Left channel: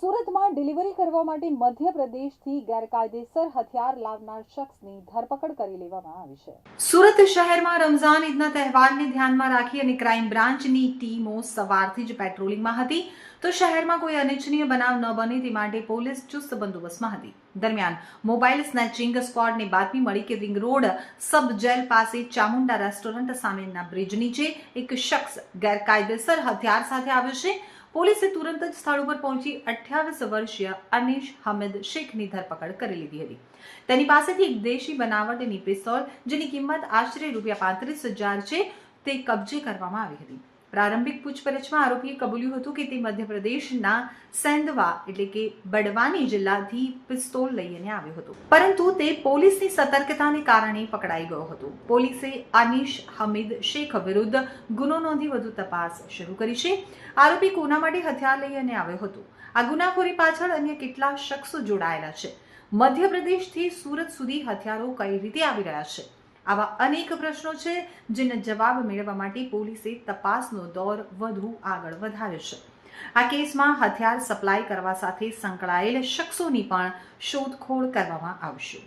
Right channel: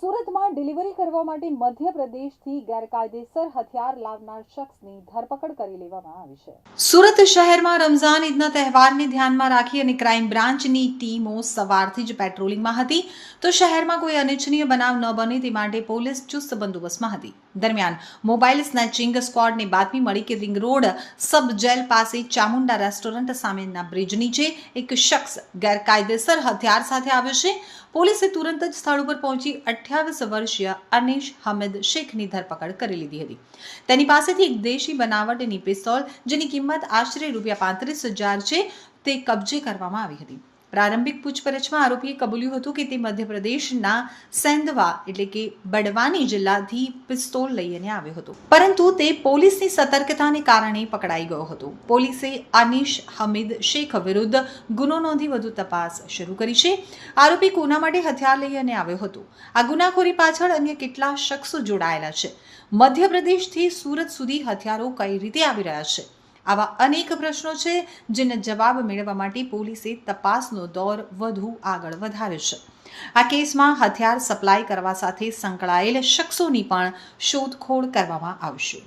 સુરતમાં ડિલિવરી કરવા માટે મધ્યપ્રદેશથી ગેરકાયદેસર હથિયાર લાવનાર શખ્સની ધરપકડ કરી લેવામાં આવી છે. સુરત શહેરમાં રમઝાન ઈદના તહેવારને ધ્યાનમાં રાખી અને ક્રાઇમ બ્રાન્ચની ટીમો સવારથી જ પેટ્રોલિંગમાં હતી. તો શહેરમાં કોઈ અનિચ્છનીય બનાવ ન બને તે માટે પોલીસ ચુસ્ત બંદોબસ્તમાં હતી. દરમિયાન મોબાઈલ સ્નેચિંગ સ્ક્વોડને બાતમી મળી કે રિંગ રોડ સબ જેલ પાસે ચામુંડા રેસ્ટોરન્ટ સામેના બ્રિજ નીચે એક શખ્સ ગેરકાયદેસર હથિયાર સાથે આવ્યો છે. પોલીસે તુરંત જ સ્થળ ઉપર પહોંચી અઠ્યાવીસ વર્ષીય અનીશ હમીદ શેખની ધરપકડ કરી લીધી હતી. તેની પાસેથી એક દેશી બનાવટની પિસ્તોલ, જેની કિંમત આશરે રૂપિયા પાંત્રીસ હજાર છે, તે કબજે કરવામાં આવી હતી. પ્રારંભિક પૂછપરછમાં આરોપીએ કબૂલ્યું હતું કે તે મધ્યપ્રદેશના સેંદવા એટલે કે બડવાની જિલ્લાથી પિસ્તોલ લઈને આવ્યો હતો. પરંતુ તે પોલીસની સતર્કતાને કારણે પકડાઈ ગયો હતો. પોલીસે અનીશ હમીદ શેખ વિરુદ્ધ ગુનો નોંધી વધુ તપાસ શરૂ કરી છે. આરોપી કોના માટે હથિયાર લઈને આવ્યો હતો. આ ગુનાખોરી પાછળ અન્ય કેટલા શખ્સો જોડાયેલા છે. મધ્યપ્રદેશથી સુરત સુધી હથિયારો કઈ રીતે આવી રહ્યા છે? આવા અનેક પ્રશ્નો છે, જેના જવાબ મેળવવા માટે પોલીસે તપાસનો દોર વધુ આગળ વધાર્યો છે. આ કેસમાં હથિયાર સપ્લાય કરવા સાથે સંકળાયેલ શખ્સોની પણ શોધખોળ કરવામાં આવશે.